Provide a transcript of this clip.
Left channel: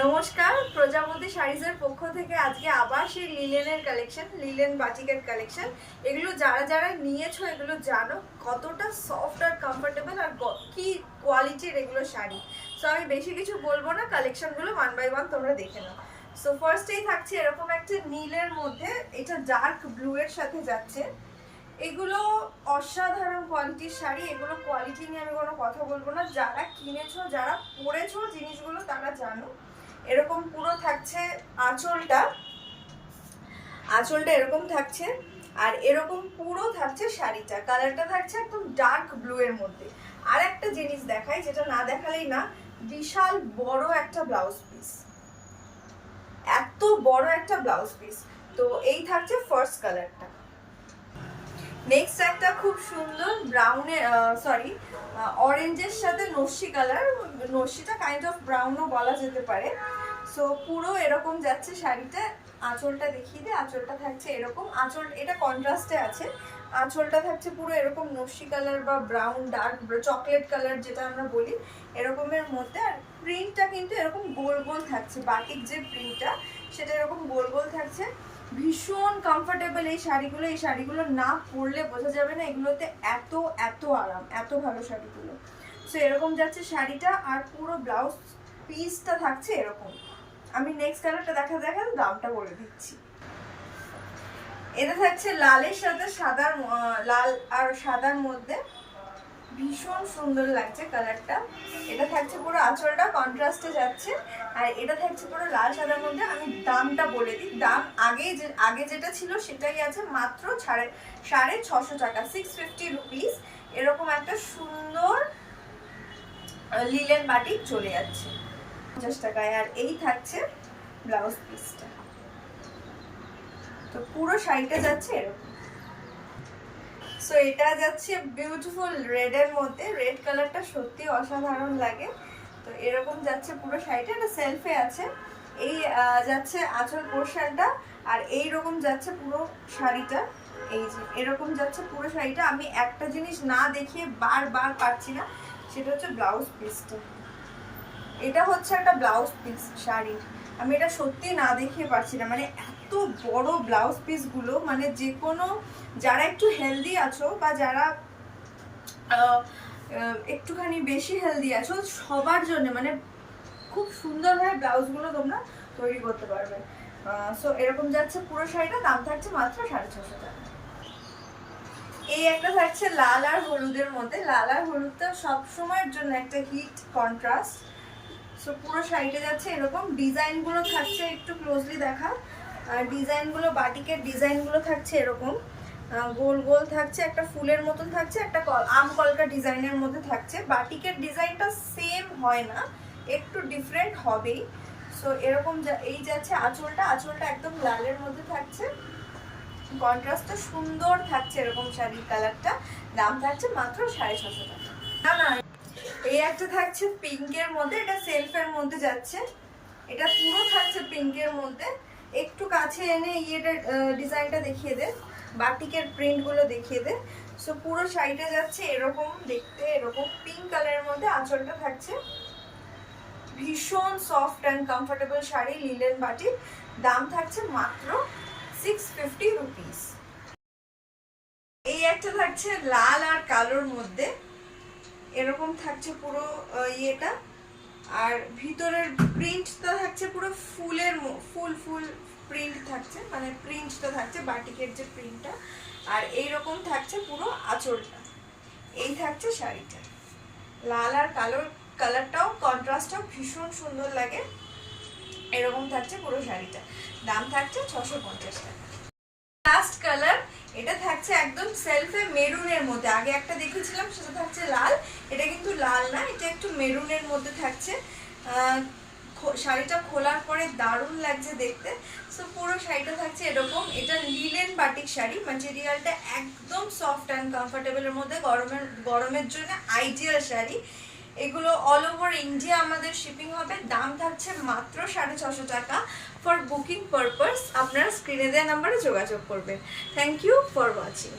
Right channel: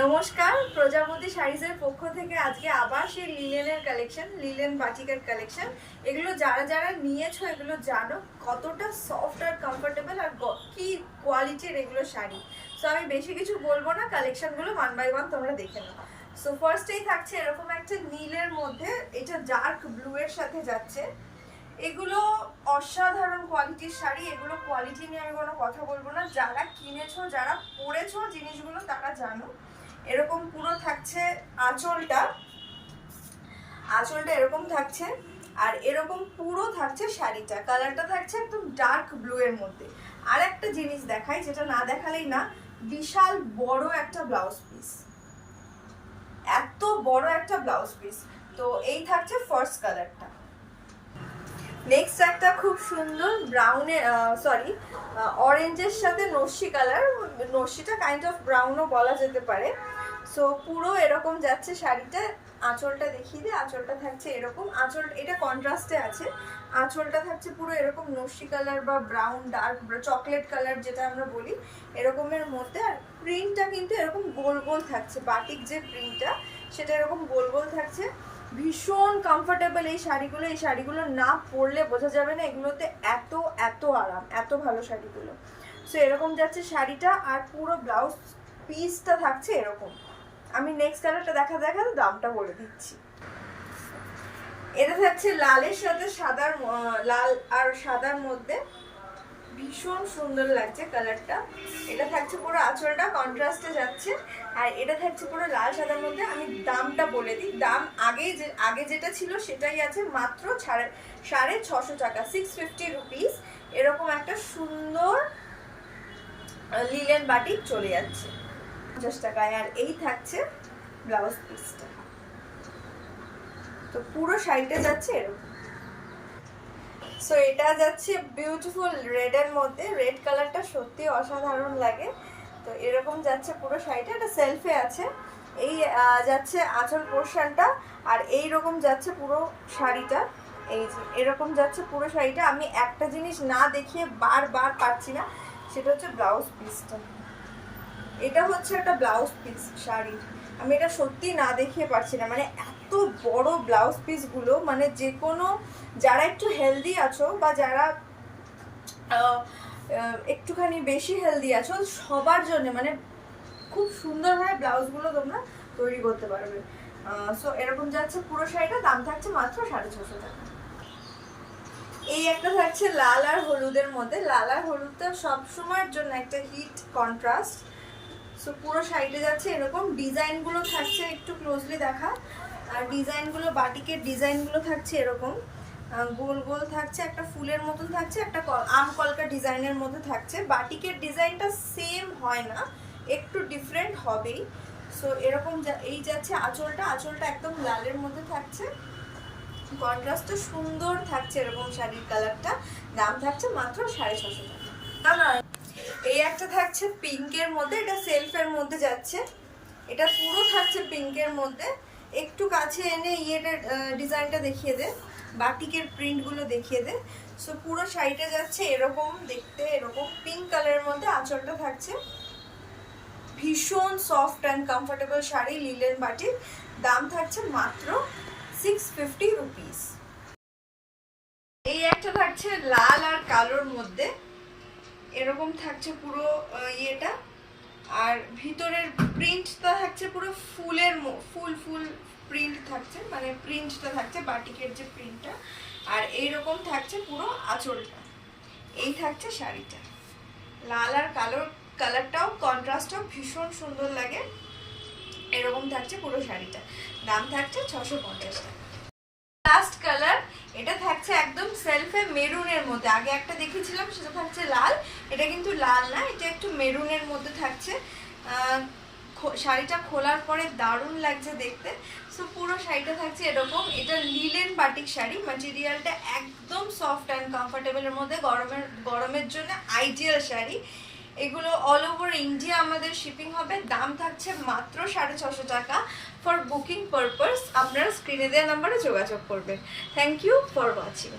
নমস্কার, প্রজাপতি শাড়িজের পক্ষ থেকে আজকে আবার সেই লিলেনের কালেকশন, লিলেন বাটিকের কালেকশন। এগুলো যারা যারা নিয়েছো এগুলো জানো কতটা সফট আর কমফোর্টেবল আর কি কোয়ালিটির এগুলো শাড়ি। সো আমি বেশি কিছু বলবো না, কালেকশনগুলো ওয়ান বাই ওয়ান তোমরা দেখে নাও। সো ফার্স্টেই থাকছে এরকম একটা নীলের মধ্যে, এটা ডার্ক ব্লু এর সাথে যাচ্ছে। এগুলো অসাধারণ কোয়ালিটির শাড়ি, এগুলো কোয়ালিটি নিয়ে আমি কোনো কথা বলবো না। যারা কিনেছো, যারা পরেছো জিনিসগুলো তারা জানো। এরকম পুরো থাকছে আঁচলটা এরকম থাকছে, আর এরকম পুরো থাকছে শাড়িটা। কালারটা থাকছে একদম ডার্ক ব্লু এর মধ্যে। আর একটা জিনিস দেখাই, যেটা না দেখালেই না, বিশাল বড় একটা ব্লাউজ পিস, এত বড় একটা ব্লাউজ পিস। তো এই থাকছে ফার্স্ট কালারটা। নেক্সট একটা খুব সুন্দর ব্রাউনের অরেঞ্জের সাথে নস্যি কালার, নস্যিটা কাইন্ড অফ ব্রাউনও বলা যেতে পারে। সো পুরো এরকম যাচ্ছে শাড়িটা। আঁচলটা দেখিয়ে দিই, আঁচলটা থাকছে এরকম, আঁচল এটা কন্ট্রাস্টে আছে। আঁচলটা থাকছে পুরো এরকম নস্যি কালার বা ব্রাউন ডার্ক চকলেট কালার যেটা আমরা বলি, এরকমের মধ্যে। আর প্রিন্টটা কিন্তু এরকম গোল গোল থাকছে, বাটিক যে প্রিন্টটা সেটা এরকম গোল গোল থাকছে। ভীষণ কমফোর্টেবল এই শাড়িগুলো। এই শাড়িগুলো না পরলে বোঝা যাবে না এগুলোতে এত এত আরাম, এত ভালো শাড়িগুলো। সো এরকম যাচ্ছে শাড়িটা, আর পুরো ব্লাউজ পিসটা থাকছে এরকম। আমি নেক্সট কালারটা দেখাতে দামটা বলে দিচ্ছি। এটা থাকছে লালের সাথে সাদার, লাল আর সাদার মধ্যে, ভীষণ সুন্দর লাগছে কালারটা। এটা থাকছে পুরো আঁচলটা কন্ট্রাস্টে যাচ্ছে, আর এটা থাকছে পুরো লাল সাদার মধ্যে। আমি দামটা বলে দিই, দাম আগে যেটা ছিল সেটাই আছে, মাত্র 650 টাকা, 650 রুপিস। এরকম একটা সুন্দর লিলেন বাটিক চলে যাচ্ছে 50 টাকায়। আর এই থাকছে ব্লাউজ পিসটা। তো পুরো শাড়িটা যাচ্ছে এরকম। সো এটা যাচ্ছে বিউটিফুল রেড এর মধ্যে, রেড কালারটা সত্যি অসাধারণ লাগে। তো এরকম যাচ্ছে পুরো শাড়িটা, এটা সেলফে আছে। এই যাচ্ছে আঁচল পোর্শনটা, আর এই রকম যাচ্ছে পুরো শাড়িটা। এই যে এরকম যাচ্ছে পুরো শাড়িটা। আমি একটা জিনিস না দেখিয়ে বারবার পারছি না, সেটা হচ্ছে ব্লাউজ পিসটা। এটা হচ্ছে একটা ব্লাউজ পিস শাড়ি, আমি এটা সত্যি না দেখিয়ে পারছি না। মানে এত বড় ব্লাউজ পিসগুলো, মানে যে কোনো যারা একটু হেলদি আছো বা যারা একটুখানি বেশি হেলদি আছো, সবার জন্য মানে খুব সুন্দরভাবে ব্লাউজগুলো তোমরা তৈরি করতে পারবে। সো এরকম যাচ্ছে পুরো শাড়িটা, দাম থাকছে মাত্র 650 টাকা। এই একটা থাকছে লাল আর হলুদের মধ্যে। লাল আর হলুদটা সবসময়ের জন্য একটা হিট কন্ট্রাস্ট। সো পুরো শাড়িটা যাচ্ছে এরকম, ডিজাইনগুলো থাকছে একটু ক্লোজলি দেখা। ডিজাইনগুলো, বাটিকের ডিজাইনগুলো থাকছে এরকম গোল গোল থাকছে, একটা ফুলের মতন থাকছে, একটা আম কলকা ডিজাইনের মধ্যে থাকছে। বাটিকের ডিজাইনটা সেম হয় না, একটু ডিফারেন্ট হবেই। সো এরকম এই যাচ্ছে আঁচলটা, আঁচলটা একদম লালের মধ্যে থাকছে, কন্ট্রাস্টটা সুন্দর থাকছে এরকম শাড়ির কালারটা। দাম থাকছে মাত্র 650 টাকা। না না, এই একটা থাকছে পিঙ্কের মধ্যে, এটা সেলফের মধ্যে যাচ্ছে। এটা পুরো থাকছে পিঙ্কের মধ্যে। একটু কাছে এনে ইয়েটার ডিজাইনটা দেখিয়ে দে, বাটিকের প্রিন্টগুলো দেখিয়ে দে। সো পুরো শাড়িটা যাচ্ছে এরকম দেখতে, এরকম পিঙ্ক কালারের মধ্যে। আঁচলটা থাকছে ভীষণ soft and comfortable sari, linen batik. দাম থাকছে মাত্র 650 রুপিস। এই একটা থাকছে লাল আর কালোর মধ্যে, এরকম থাকছে পুরো ইয়েটা। আর ভিতরের প্রিন্টটা থাকছে পুরো ফুলের ফুল ফুল প্রিন্ট থাকছে, মানে প্রিন্টটা থাকছে বাটিকের যে প্রিন্টটা। আর এইরকম থাকছে পুরো আঁচলটা। এই থাকছে শাড়িটা, লাল আর কালোর কালারটাও কন্ট্রাস্টটাও ভীষণ সুন্দর লাগে। এরকম থাকছে পুরো শাড়িটা, দাম থাকছে 650 টাকা। লাস্ট কালার, এটা থাকছে একদম সেলফে মেরুনের মধ্যে। আগে একটা দেখেছিলাম সেটা থাকছে লাল, এটা কিন্তু লাল না, এটা একটু মেরুনের মধ্যে থাকছে। শাড়িটা খোলার পরে দারুণ লাগছে দেখতে। সো পুরো শাড়িটা থাকছে এরকম। এটা লিলেন বাটিক শাড়ি, ম্যাটেরিয়ালটা একদম সফট অ্যান্ড কমফোর্টেবলের মধ্যে, গরমের জন্য আইডিয়াল শাড়ি। এগুলো অল ওভার ইন্ডিয়া আমাদের শিপিং হবে। দাম থাকছে মাত্র 650 টাকা। ফর বুকিং পারপাস আপনারা স্ক্রিনে দেওয়া নাম্বারে যোগাযোগ করবেন। Thank you for watching.